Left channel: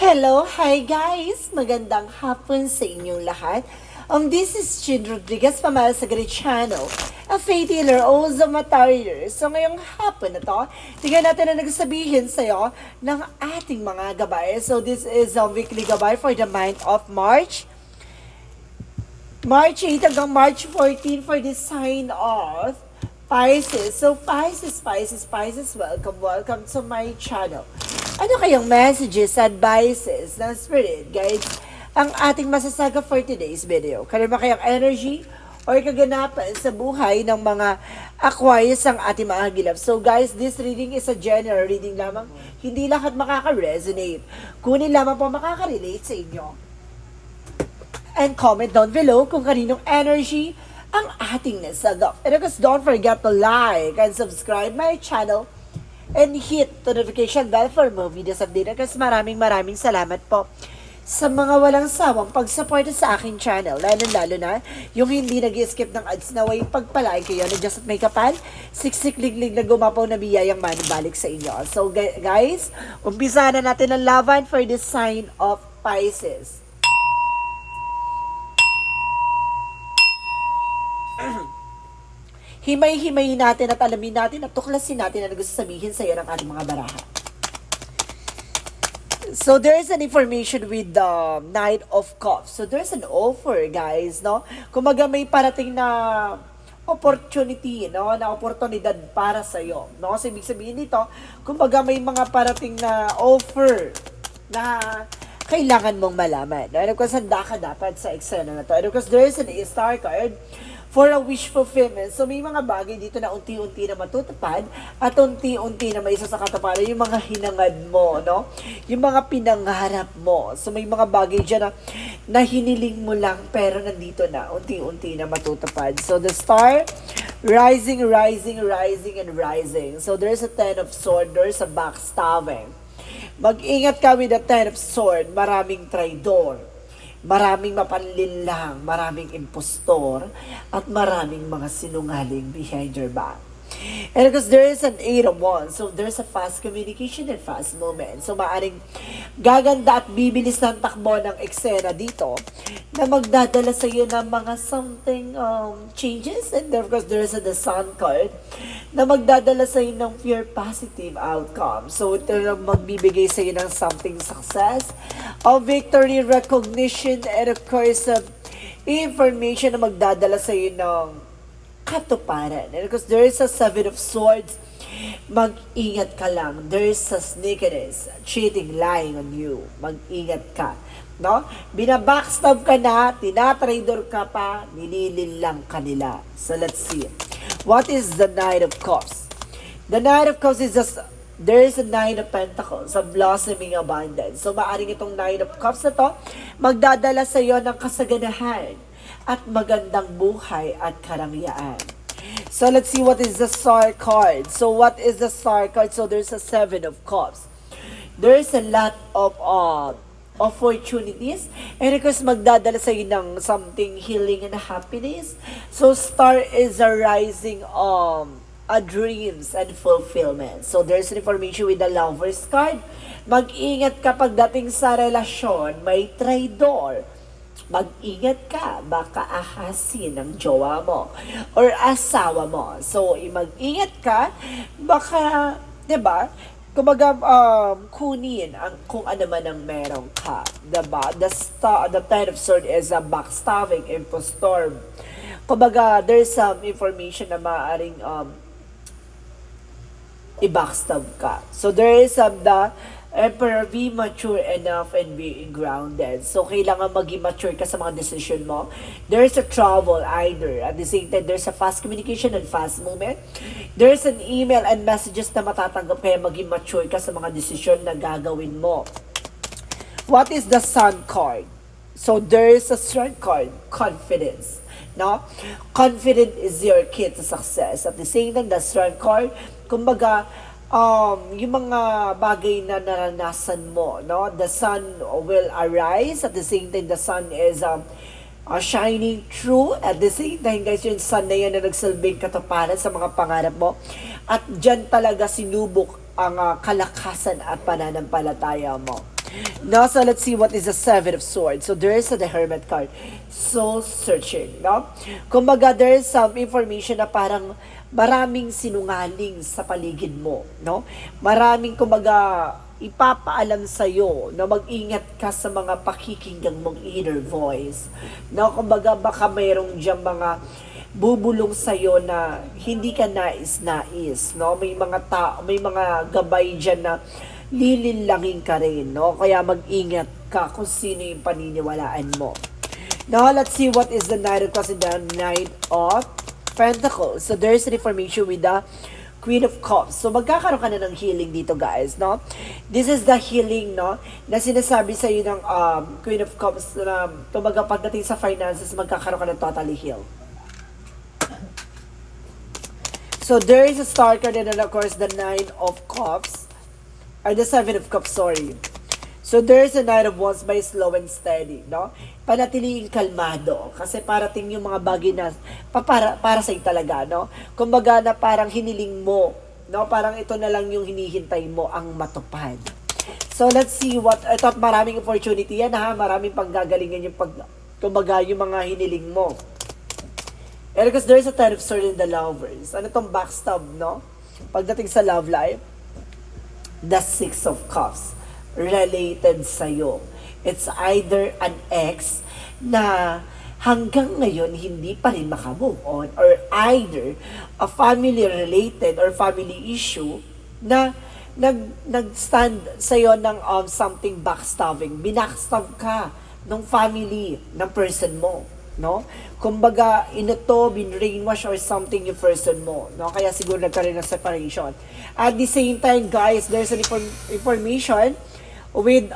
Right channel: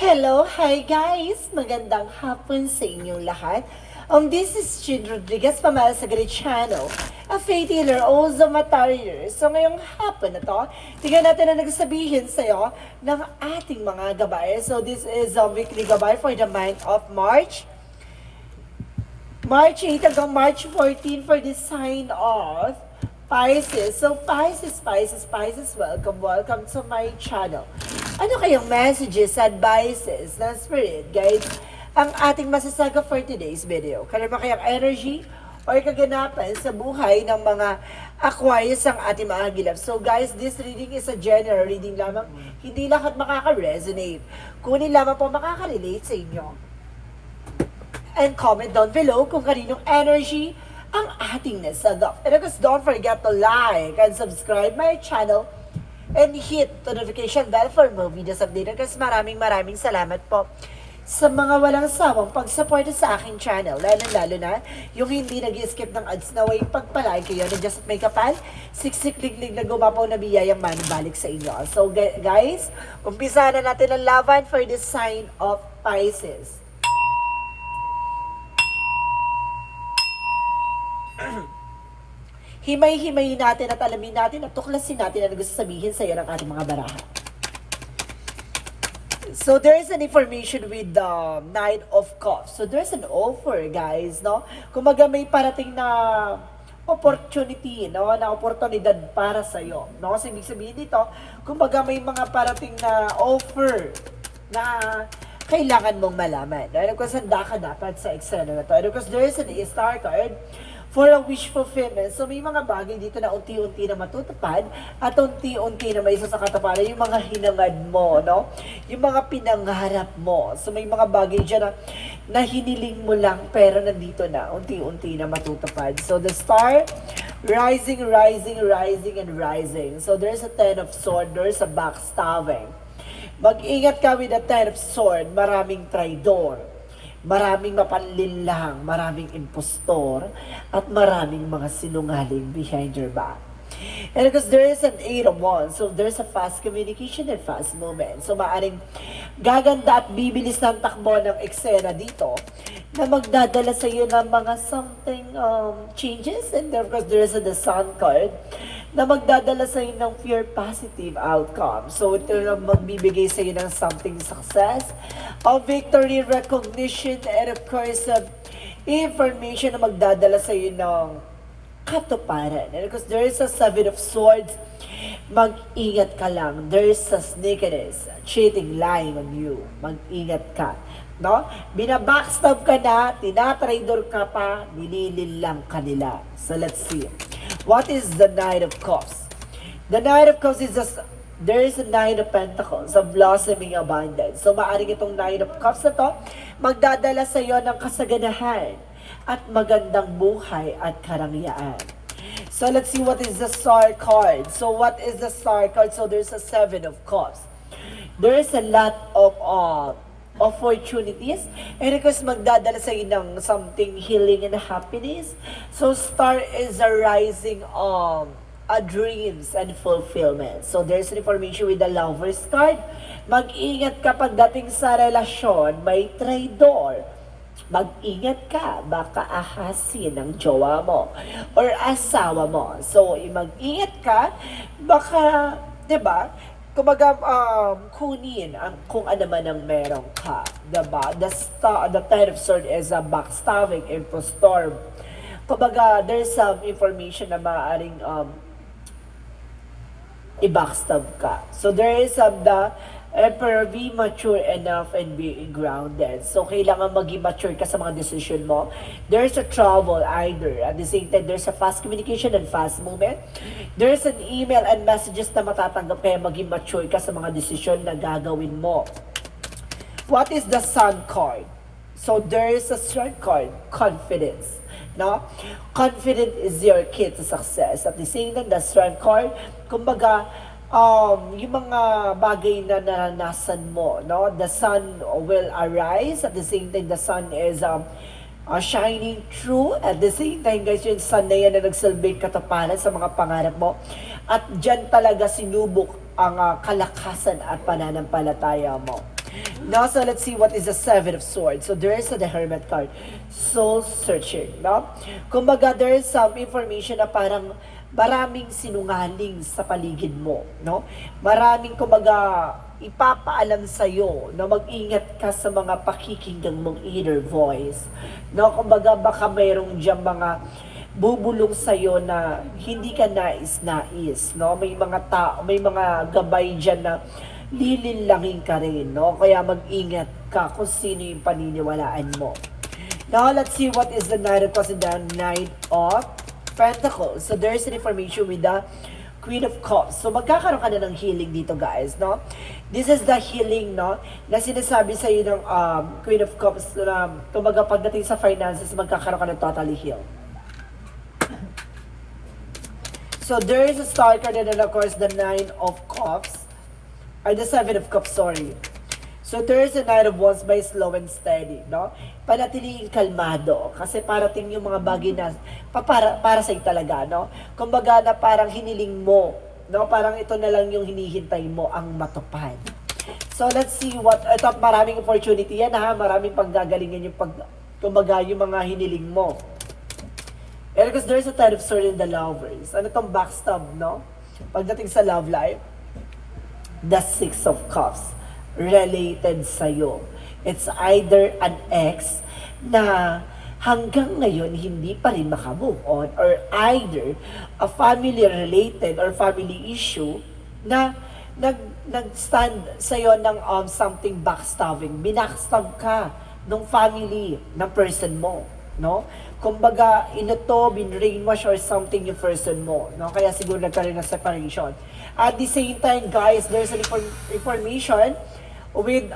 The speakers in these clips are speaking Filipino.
Hello, hi guys! Magandang hapon sa inyong lahat. This is Chin Rodriguez pamana sa Grid Channel, a faith healer, also matarrier. So ngayong hapon na to, tingnan natin na nagsabihin sa'yo ng ating mga gabay. So this is a weekly gabay for the month of March. March 8 hanggang March 14 for the sign of Pisces. So Pisces, welcome to my channel. Ano kayang messages, advices ng Spirit Guides ang ating masasaga for today's video? Kaya ba kayang energy or kaganapan sa buhay ng mga Aquarius ang ating mga gilap? So guys, this reading is a general reading lamang. Hindi lahat makaka-resonate. Kunin lamang po makaka-relate sa inyo. And comment down below kung kaninong energy ang ating nasagap. And of course, don't forget to like and subscribe my channel and hit the notification bell for more videos updated. Kasi maraming salamat po sa mga walang sawang pagsuporta sa aking channel. Lalo na yung hindi nag-skip ng ads na way pagpalay kayo na just may kapal, siksik-liglig na gumapo na biyayang manabalik sa inyo. So guys, umpisa na natin ang laban for the sign of Pisces. Himay-himayin natin at alamin natin at tuklasin natin ang gusto sabihin sa iyo ng ating mga baraha. So there is an information with the Knight of Cups. So there's an offer, guys, no? Kumaga may parating na opportunity, no? Na oportunidad para sa iyo, no? So ibig sabihin nito, kumaga may mga parating na offer na kailangan mong malaman. Ano ko handa ka dapat sa eksena na to. Ano ko there is an star card for a wish fulfillment. So may mga bagay dito na unti-unti na matutupad at unti-unti na may isa sa katuparan yung mga hinangad mo, no? Yung mga pinangarap mo. So may mga bagay dyan na hiniling mo lang pero nandito na, unti-unti na matutupad. So the star, rising. So there's a 10 of swords, there's a backstabbing. Mag-ingat ka with the 10 of swords, maraming traidor. Maraming mapanlinlang, maraming impostor, at maraming mga sinungaling behind your back. And because there is an 8 of wands, so there's a fast communication and fast movement. So maaring gaganda at bibilis ng takbo ng eksena dito na magdadala sa iyo ng mga something changes. And of course, there is the sun card na magdadala sa iyo ng pure positive outcome. So ito na magbibigay sa iyo ng something success, of victory, recognition, and of course, information na magdadala sa iyo ng katuparan. And because there is a 7 of swords, mag-ingat ka lang. There is a sneakiness, cheating, lying on you. Mag-ingat ka. No? Binabackstab ka na, tinatraidor ka pa, nililin lang kanila. So let's see. What is the Knight of Cups? The Knight of Cups is just, there is a Nine of Pentacles, a blossoming abundance. So maaring itong Nine of Cups na to, magdadala sa iyo ng kasaganahan at magandang buhay at karangyaan. So let's see what is the Star card. So what is the Star card? So there's a 7 of Cups. There is a lot of opportunities, and because magdadala sa iyo ng something healing and happiness. So Star is a rising a dreams and fulfillment. So there's an information with the Lovers card. Mag-ingat ka pagdating sa relasyon, may traidor. Mag-ingat ka, baka ahasin ng jowa mo or asawa mo. So, mag-ingat ka, baka, diba, kumaga, kunin ang kung ano man ang meron ka. Diba? The 10 of swords is a backstabbing, impostor. Kumaga, there's some information na maaaring i-backstab ka. So, there is the Emperor, be mature enough and being grounded. So, kailangan maging mature ka sa mga decision mo. There is a trouble either. At the same time, there's a fast communication and fast movement. There's an email and messages na matatanggap kaya maging mature ka sa mga decision na gagawin mo. What is the Sun card? So, there is a Strength card, confidence. No? Confident is your key to success. At the same time, the Strength card, kumbaga, yung mga bagay na naranasan mo, no? The sun will arise. At the same time, the sun is shining through. At the same time, guys, yung sun na yan na nagsalbing katapanan sa mga pangarap mo. At dyan talaga sinubok ang kalakasan at pananampalataya mo. No, so let's see what is the Seven of Swords. So there is the Hermit card. Soul searching, no? Kumbaga, there is some information na parang maraming sinungaling sa paligid mo, no? Maraming, kumbaga, ipapaalam sa'yo na mag-ingat ka sa mga pakikinggan mong inner voice. No? Kumbaga, baka mayroong diyang mga bubulong sa'yo na hindi ka nais-nais, no? May mga gabay diyan na lilinlangin ka rin, no? Kaya mag-ingat ka kung sino yung paniniwalaan mo. Now, let's see what is the Knight of Cups and the Knight of Pentacles. So, there is an information with the Queen of Cups. So, magkakaroon ka na ng healing dito, guys, no? This is the healing, no? Na sinasabi sa iyo ng Queen of Cups na kumbaga pagdating sa finances, magkakaroon ka ng totally healed. So, there is a star card and then, of course, the Nine of Cups. Or the Seven of Cups, sorry. So, there's a Knight of Wands by slow and steady, no? Panatiliing kalmado. Kasi parating yung mga bagay na para sa'yo talaga, no? Kumbaga na parang hiniling mo, no? Parang ito na lang yung hinihintay mo ang matupad. So, let's see what, ito maraming opportunity yan, ha? Maraming panggagalingan yung kumbaga yung mga hiniling mo. And because there's a Ten of Swords in the Lovers. Ano itong backstab, no? Pagdating sa love life, the Six of Cups related sa'yo. It's either an ex na hanggang ngayon hindi pa rin makamove on, or either a family related or family issue na nag-stand sa'yo ng something backstabbing. Binackstab ka ng family ng person mo, no? Kumbaga, brainwash or something yung person mo, no? Kaya siguro nagkaroon ng separation. At the same time, guys, there's an information with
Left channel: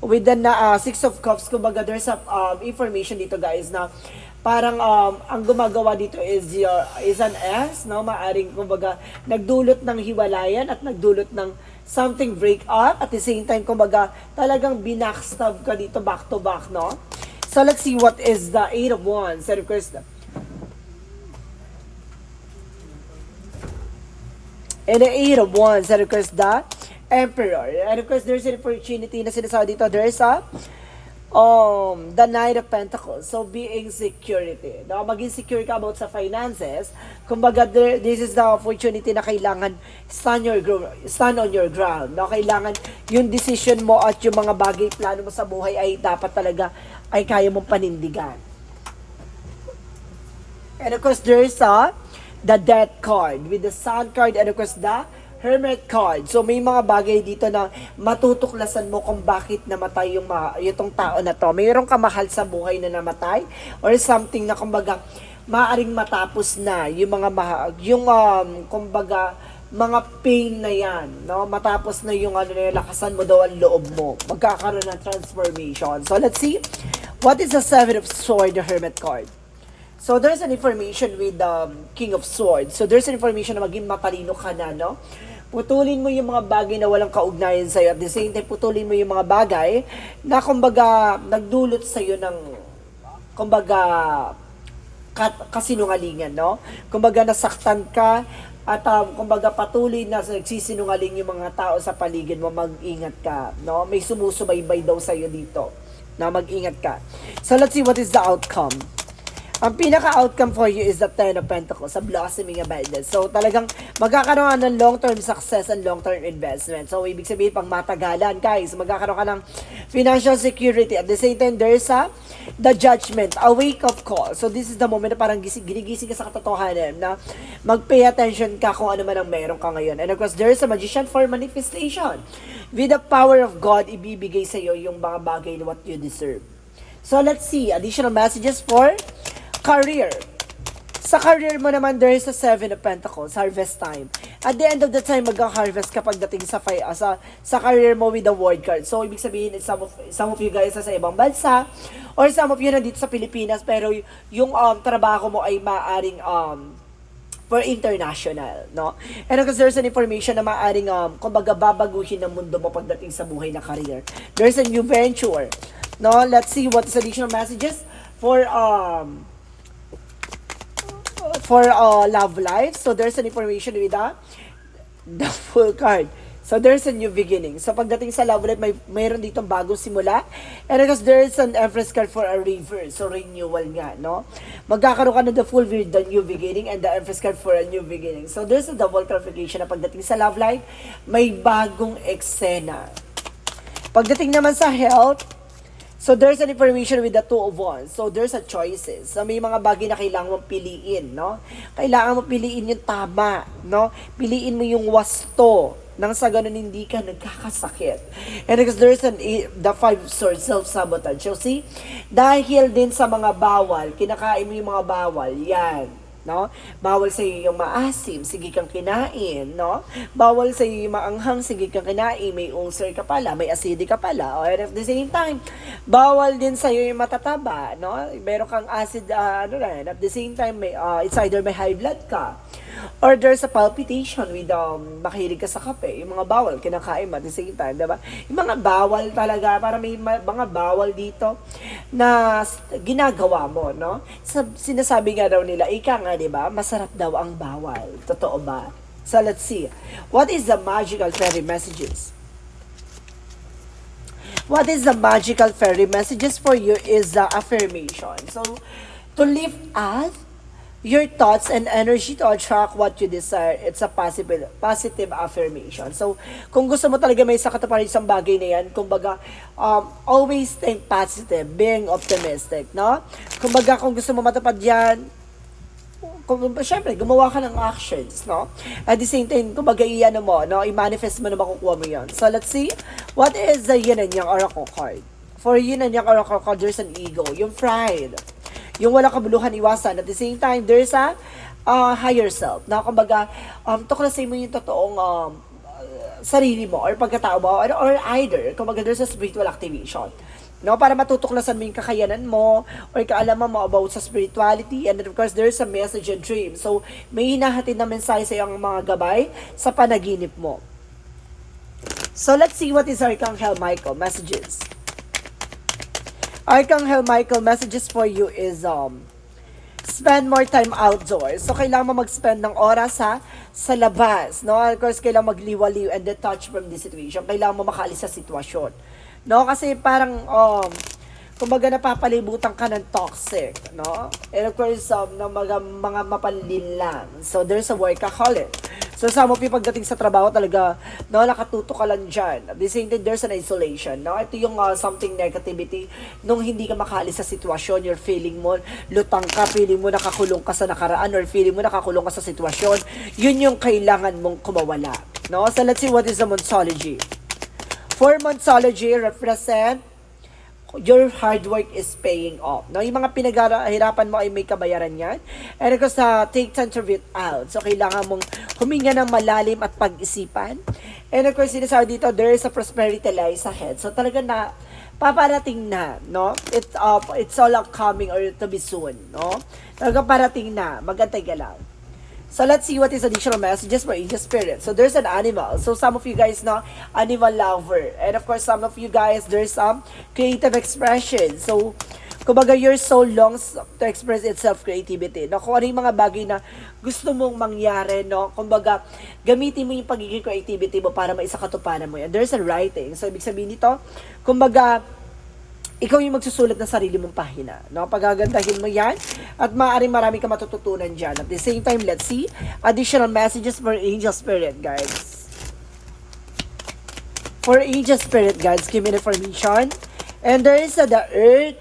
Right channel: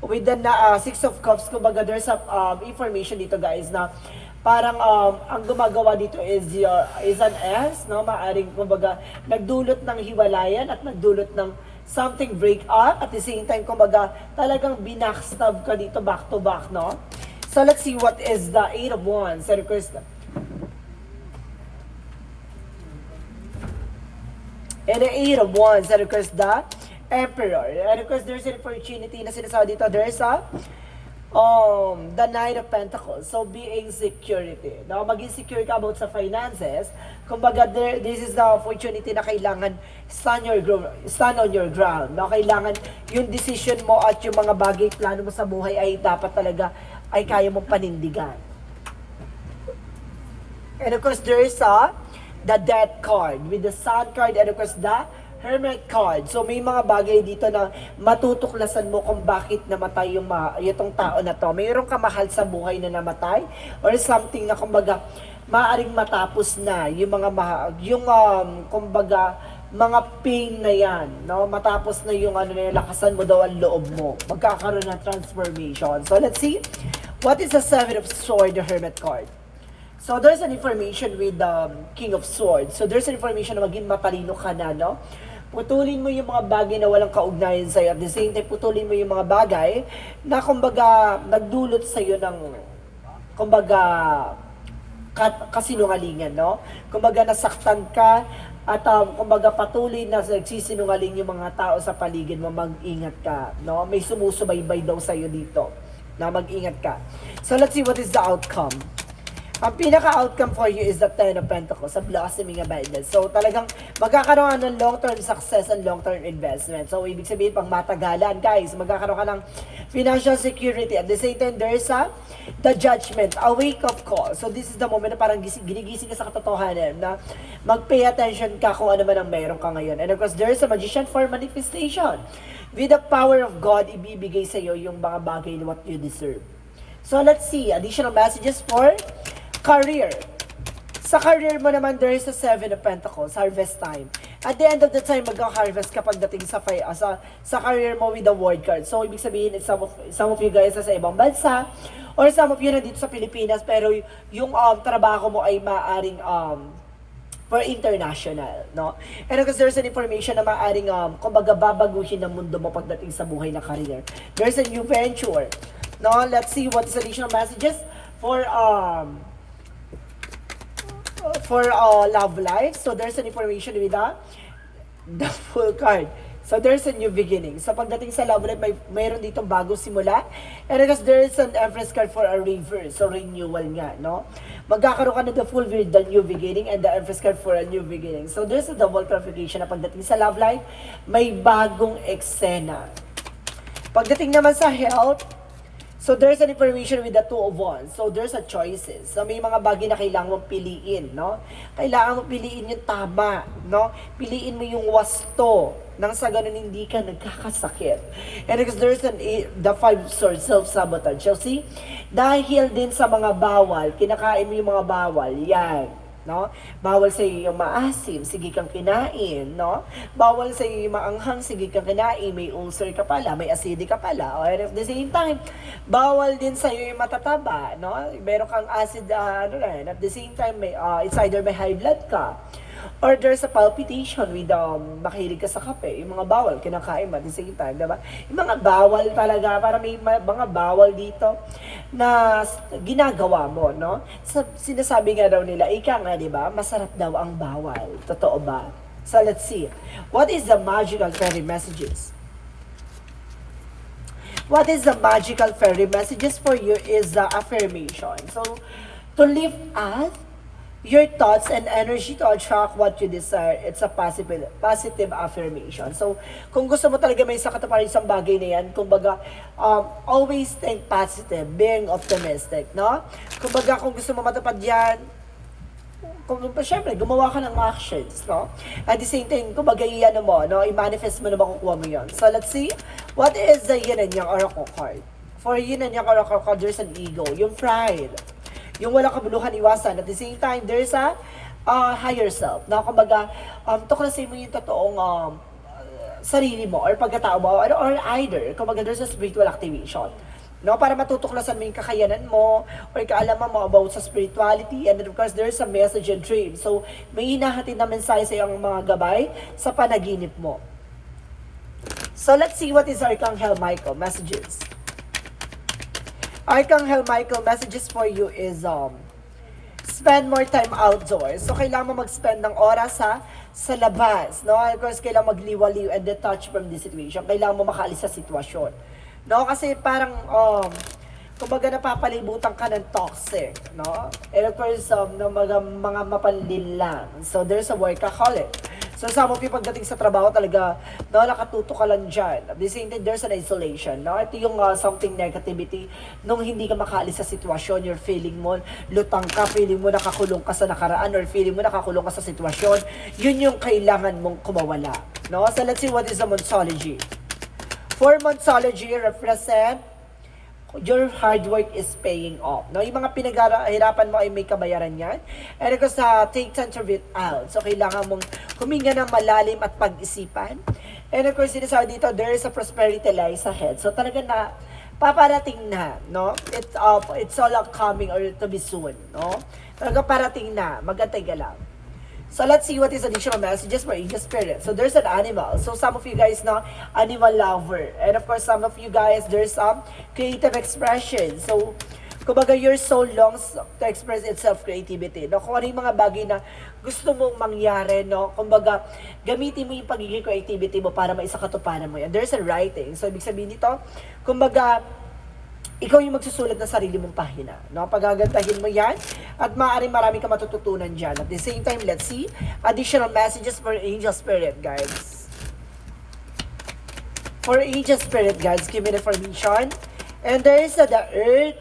the Six of Cups. Kumbaga, there's a information dito, guys, na parang ang gumagawa dito is an S, no? Maaring, kumbaga, nagdulot ng hiwalayan at nagdulot ng something break up. At the same time, kumbaga, talagang binackstab ka dito back to back, no? So, let's see what is the Eight of Wands. And of course, and the Eight of Wands, and of course, the Emperor. And of course, there's an opportunity na sinasabi dito. There is the Knight of Pentacles. So, being security. Now, maging secure ka about sa finances. Kumbaga, this is the opportunity na kailangan stand on your ground. Now, kailangan yung decision mo at yung mga bagay plano mo sa buhay ay dapat talaga ay kaya mong panindigan. And of course, there is the Death card with the Sun card, and of course, the Hermit card. So, may mga bagay dito na matutuklasan mo kung bakit namatay itong tao na to. Mayroong kamahal sa buhay na namatay or something na kumbaga maaaring matapos na yung mga kumbaga mga pain na yan, no? Matapos na yung lakasan mo daw ang loob mo. Magkakaroon ng transformation. So, let's see. What is the Seven of Swords, the Hermit card? So, there's an information with the King of Swords. So, there's an information na maging matalino ka na, no? Putulin mo yung mga bagay na walang kaugnayan sa'yo. At the same time, putulin mo yung mga bagay na, kumbaga, nagdulot sa'yo ng, kumbaga, kasinungalingan, no? Kumbaga, nasaktan ka at kumbaga patuloy na nagsisinungaling yung mga tao sa paligid mo, mag-ingat ka, no? May sumusubaybay daw sa'yo dito, na mag-ingat ka. So, let's see what is the outcome. Ang pinaka-outcome for you is the Ten of Pentacles, sa blossoming abundance. So, talagang magkakaroon ng long-term success and long-term investment. So, ibig sabihin, pang matagalan, guys, magkakaroon ka ng financial security. At the same time, there is the Judgment, a wake-up call. So, this is the moment na parang ginigising ka sa katotohanan na mag-pay attention ka kung ano man ang meron ka ngayon. And of course, there is a Magician for manifestation. With the power of God, ibibigay sa iyo yung mga bagay na what you deserve. So, let's see. Additional messages for career. Sa career mo naman, there is a Seven of Pentacles, harvest time. At the end of the time, mag-harvest ka pagdating sa career mo with the World card. So, ibig sabihin, some of you guys sa ibang bansa, or some of you nandito sa Pilipinas, pero yung trabaho mo ay maaring for international, no? And because there's an information na maaring kumbaga babaguhin ng mundo mo pagdating sa buhay na career. There's a new venture. No, let's see what is additional messages for love life. So there's an information with the Fool card. So there's a new beginning. So pagdating sa love life, mayroon ditong bagong simula. And because there's an Empress card for a reverse. So renewal nga, no? Magkakaroon ka na the full with the new beginning and the Empress card for a new beginning. So there's a double clarification na pagdating sa love life, may bagong eksena. Pagdating naman sa health, so there's an information with the Two of Wands. So there's a choices. So may mga bagay na kailangan mong piliin, no? Kailangan mong piliin yung tama, no? Piliin mo yung wasto nang sa ganun hindi ka nagkakasakit. And because there's the Five Swords, self-sabotage. So see, dahil din sa mga bawal, kinakain mo yung mga bawal, yan. No? Bawal sa iyo yung maasim, sige kang kinain, no? Bawal sa iyo yung maanghang, sige kang kinain, may ulcer ka pala, may acidic ka pala. And at the same time, bawal din sa iyo yung matataba, no? Meron kang acid, at the same time, it's either may high blood ka, or there's a palpitation with makilig ka sa kape, yung mga bawal, kinakain mo at the same time, diba? Yung mga bawal talaga, para may mga bawal dito na ginagawa mo, no? Sinasabi nga daw nila, ika nga, diba? Masarap daw ang bawal. Totoo ba? So let's see. What is the magical fairy messages? What is the magical fairy messages for you is the affirmation. So, to lift up your thoughts and energy to attract what you desire. It's a positive affirmation. So, kung gusto mo talaga may sa katuparan isang bagay na yan, kumbaga, always think positive, being optimistic, no? Kumbaga, kung gusto mo matupad yan, syempre, gumawa ka ng actions, no? At the same time, kumbaga, iyan mo, no? I-manifest mo na makukuha mo yan. So, let's see. What is the Yin and Yang Oracle card? For Yin and Yang Oracle card, there's an ego, yung pride, yung walang kabuluhan, iwasan. At the same time, there's a higher self. Na kumbaga, tuklasin mo yung totoong sarili mo or pagkatao mo or either, kumbaga, there's a spiritual activation. No, para matutuklasan mo yung kakayanan mo or kaalaman mo about sa spirituality, and then of course there's a message and dream. So may hinahatid na mensahe sa iyong mga gabay sa panaginip mo. So let's see what is Archangel Michael messages. Archangel Michael messages for you is spend more time outdoors. So kailangan mo mag-spend ng oras sa labas, no? Of course kailangan magliwaliw and detach from the situation. Kailangan mo makaalis sa sitwasyon. No, kasi parang kumbaga napapalibutan ka ng toxic, no? And of course, no, mga mapanlin lang. So there's a workaholic. So some of you pagdating sa trabaho talaga, no, nakatuto ka lang dyan. At the same time, there's an isolation, no? Ito yung something negativity, nung hindi ka makaalis sa sitwasyon, you're feeling mo, lutang ka, feeling mo nakakulong ka sa nakaraan, or feeling mo nakakulong ka sa sitwasyon, yun yung kailangan mong kumawala, no? So let's see what is the Monsology. For Monsology, represent your hard work is paying off. No? Yung mga pinaghirapan mo ay may kabayaran yan. And of course, take time to read out. So, kailangan mong huminga ng malalim at pag-isipan. And of course, sinasabi dito, there is a prosperity lies ahead. So, talaga na, paparating na, no? It's all upcoming or to be soon, no? Talaga parating na, magantay ka lang. So let's see what is additional messages for Angel Spirit. So there's an animal. So some of you guys know animal lover. And of course some of you guys there's some creative expression. So kumbaga your soul longs to express itself creativity. No, kung ano yung mga bagay na gusto mong mangyari, no? Kumbaga gamitin mo yung pagiging creativity mo para maisakatuparan mo yan. There's a writing. So ibig sabihin dito, kumbaga ikaw yung magsusulat ng sarili mong pahina. No? Pagagandahin mo yan at maaaring marami ka matututunan dyan. At the same time, let's see additional messages for Angel Spirit, guys. For Angel Spirit, guys, give me the information. And there is the Earth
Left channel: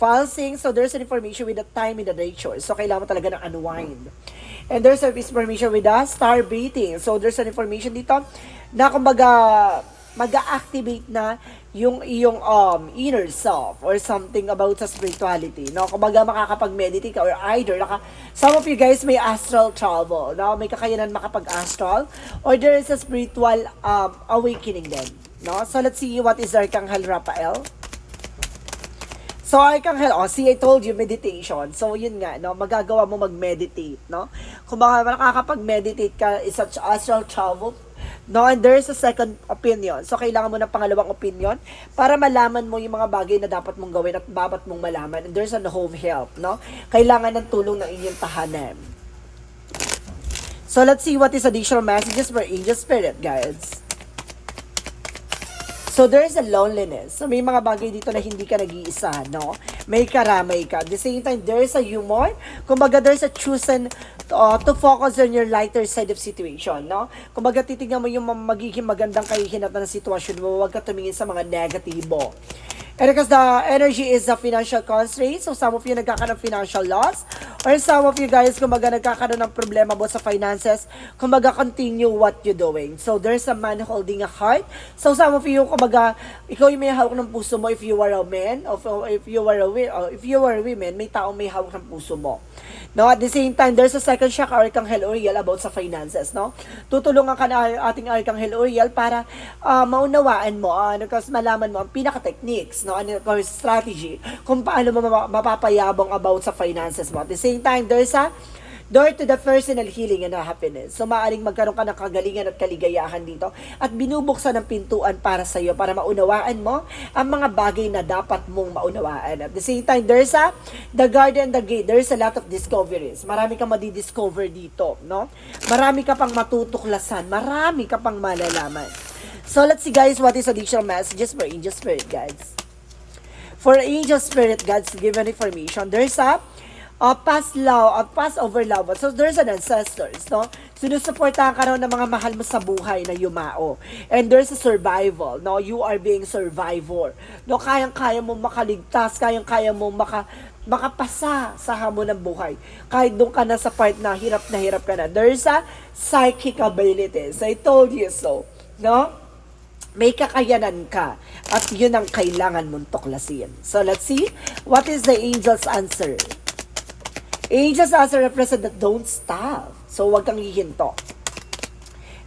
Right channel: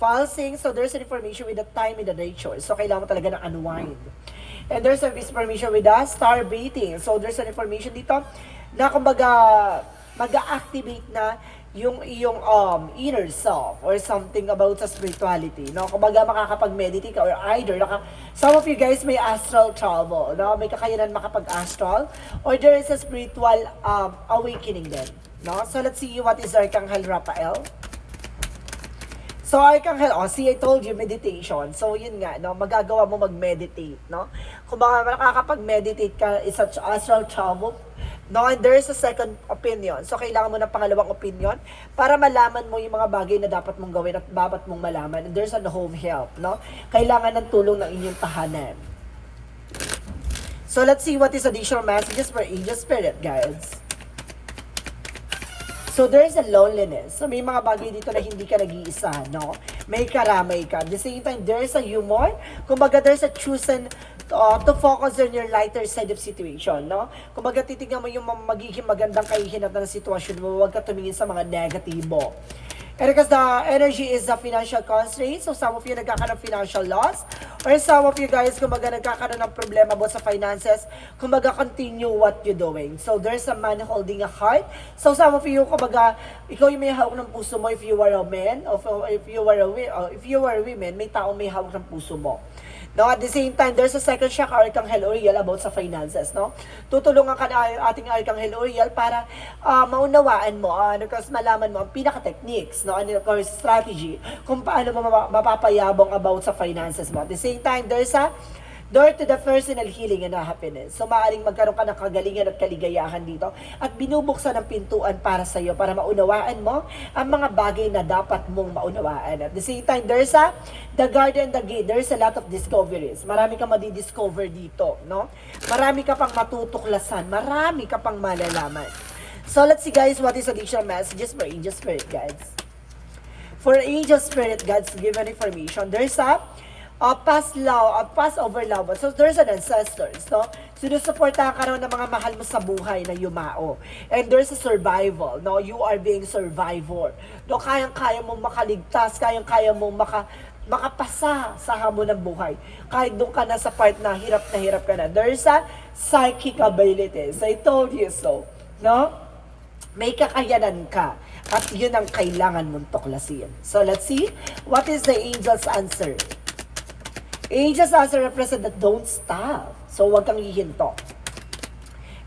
pulsing. So there's an information with the time in the nature. So kailangan mo talaga ng unwind. And there's a information with the star breathing. So there's an information dito na kumbaga mag-activate na yung iyong inner self or something about sa spirituality, no? Kumbaga makakapag-meditate ka or either some of you guys may astral travel, no? May kakayanan makapag-astral or there is a spiritual awakening din, no? So let's see what is Archangel Raphael. So, Archangel, see, I told you, meditation. So, yun nga, no, magagawa mo mag-meditate, no? Kung makakapag-meditate ka, is such astral travel, no? And there's a second opinion. So, kailangan mo ng pangalawang opinion para malaman mo yung mga bagay na dapat mong gawin at dapat mong malaman. And there's a home help, no? Kailangan ng tulong ng inyong tahanan. So, let's see what is additional messages for Angel Spirit, guys. So there's a loneliness. So may mga bagay dito na hindi ka nag-iisa, no? May karamay ka. At the same time, there's a humor. Kumbaga, there's a chosen to focus on your lighter side of situation, no? Kumbaga, titignan mo yung magiging magandang kahihinatan ng sitwasyon mo. Huwag ka tumingin sa mga negatibo. And because the energy is the financial constraint, so some of you nagkakaroon ng financial loss, or some of you guys, kumbaga nagkakaroon ng problema about sa finances, kumbaga continue what you're doing. So there's a man holding a heart. So some of you, kumbaga, ikaw yung may hawak ng puso mo if you are a man, or if you are a woman, may taong may hawak ng puso mo. No, at the same time, there's a second shock Archangel Uriel about sa finances, no? Tutulungan ka ng ating Archangel Uriel para maunawaan mo, kasi malaman mo ang pinaka-techniques, no? Or strategy kung paano mo mapapayabong about sa finances mo. At the same time, there's a door to the personal healing and happiness. So, maaaring magkaroon ka ng kagalingan at kaligayahan dito at binubuksan ng pintuan para sa iyo para maunawaan mo ang mga bagay na dapat mong maunawaan. At the same time, there's the garden and the gate. There's a lot of discoveries. Marami kang madidiscover dito, no? Marami ka pang matutuklasan. Marami ka pang malalaman. So, let's see guys, what is additional messages for Angel Spirit guides? For Angel Spirit guides, given information, there's a past love, past over love. So there's an ancestors, no? Sinusuportahan ka raw ng mga mahal mo sa buhay na yumao. And there's a survival, no? You are being survivor. No, kayang-kaya mong makaligtas, kayang-kaya mong makapasa sa hamon ng buhay. Kahit doon ka na sa part na hirap ka na. There's a psychic abilities. I told you so, no? May kakayanan ka at yun ang kailangan mong tuklasin. So let's see, what is the angel's answer? Angels also represent that don't stop. So, wag kang hihinto.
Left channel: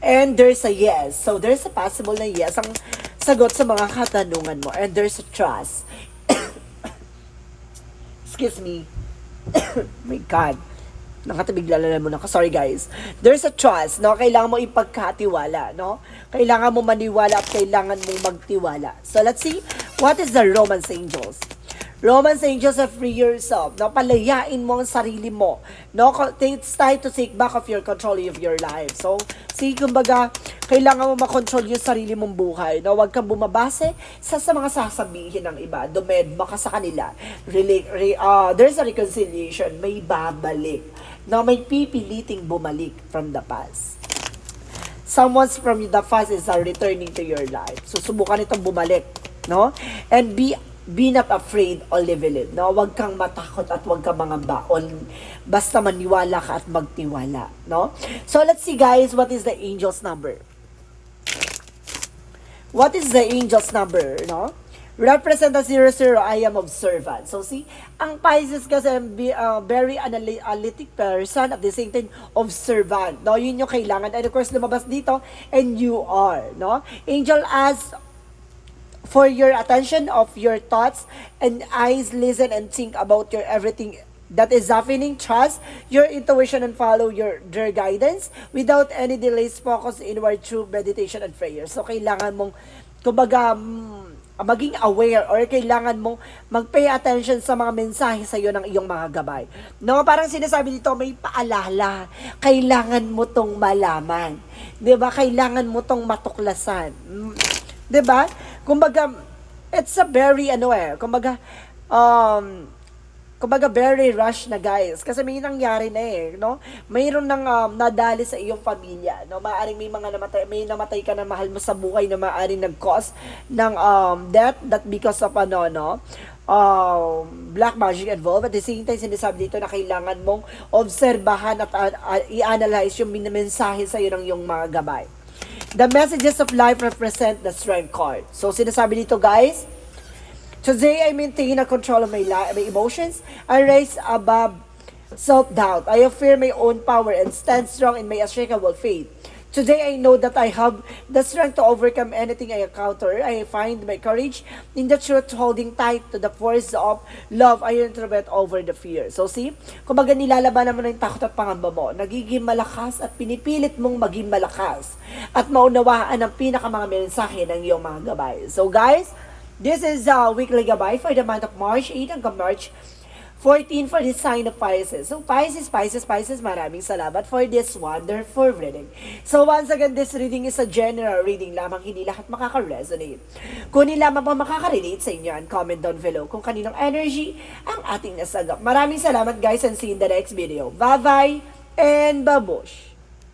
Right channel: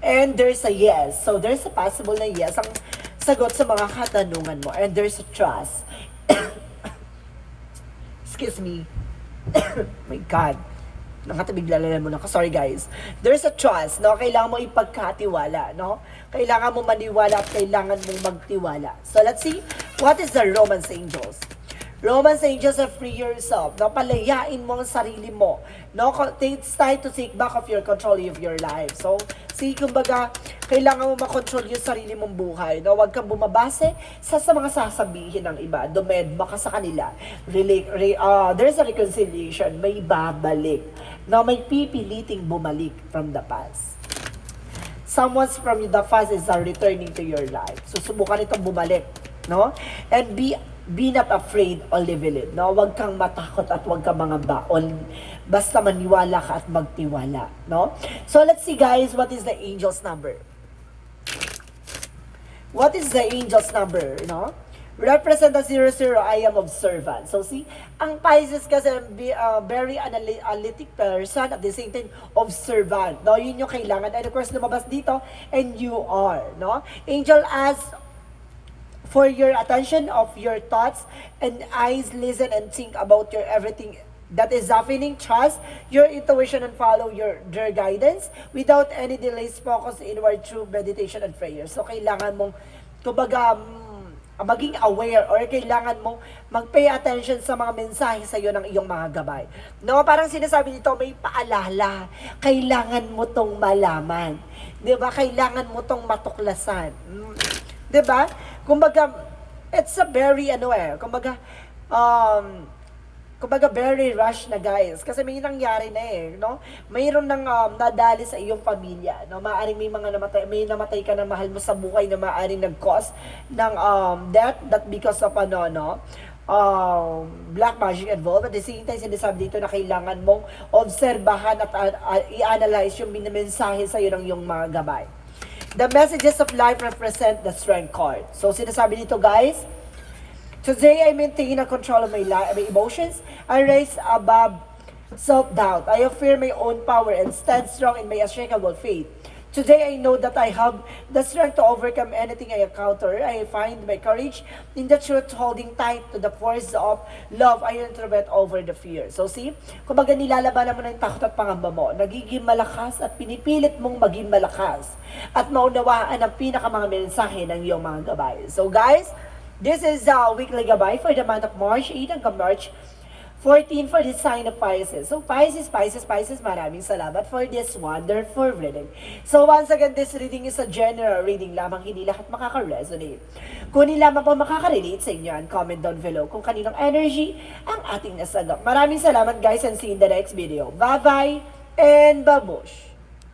And there's a yes. So, there's a possible na yes ang sagot sa mga katanungan mo. And there's a trust. Excuse me. My God. Nakatabig lalalan mo na. Sorry guys. There's a trust. No? Kailangan mo ipagkatiwala. No? Kailangan mo maniwala at kailangan mo magtiwala. So, let's see. What is the Romance Angels? Romance Angels are free yourself. No? Palayain mo ang sarili mo. No? It's time to take back of your control of your life. So, kumbaga, kailangan mo makontrol yung sarili mong buhay. No? Huwag kang bumabase sa mga sasabihin ng iba. Dumedma ka sa kanila. There's a reconciliation. May babalik. No? May pipiliting bumalik from the past. Someone from the past is returning to your life. So, subukan itong bumalik. No? And be not afraid or live. No? Huwag kang matakot at huwag kang mangamba. Basta maniwala ka at magtiwala. No? So let's see guys, what is the angel's number? What is the angel's number? No? Represent the 00, I am observant. So see, ang Pisces kasi very analytic person, at the same time observant. No? Yun yung kailangan. And of course, lumabas dito, and you are. No? Angel asks for your attention of your thoughts and eyes, listen and think about your everything that is happening. Trust your intuition and follow their guidance without any delays. Focus inward through meditation and prayer. So kailangan mong kumbaga maging aware, or kailangan mo mag-pay attention sa mga mensahe sa iyo ng iyong mga gabay. No, parang sinasabi dito, may paalala. Kailangan mo tong malaman. 'Di ba? Kailangan mo tong matuklasan. 'Di ba? Kumbaga, it's a very, kumbaga very rush na guys. Kasi may nangyari na no? Mayroon nang nadali sa iyong pamilya, no? Maaring may namatay ka na mahal mo sa buhay na maaring nag-cause ng death, that because of black magic involved. At the same time, sinasabi dito na kailangan mong obserbahan at i-analyze yung mensahe sa iyo ng iyong mga gabay. The messages of life represent the strength card. So, sinasabi dito guys, today I maintain a control of my emotions. I rise above self-doubt. I affirm my own power and stand strong in my unshakable faith. Today I know that I have the strength to overcome anything I encounter. I find my courage in the truth, holding tight to the force of love I interpret over the fear. So see, kumbaga nilalabanan mo na yung takot at pangamba mo. Nagiging malakas at pinipilit mong maging malakas. At maunawaan ang pinaka mga mensahe ng iyong mga gabay. So guys, this is weekly gabay for the month of March 8 hanggang March 14 for the sign of Pisces. So Pisces, maraming salamat for this wonderful reading. So once again, this reading is a general reading lamang, hindi lahat makaka-resonate. Kunin lamang po makaka-relate sa inyo and comment down below kung kaninong energy ang ating nasagap. Maraming salamat guys and see you in the next video. Bye-bye and babush!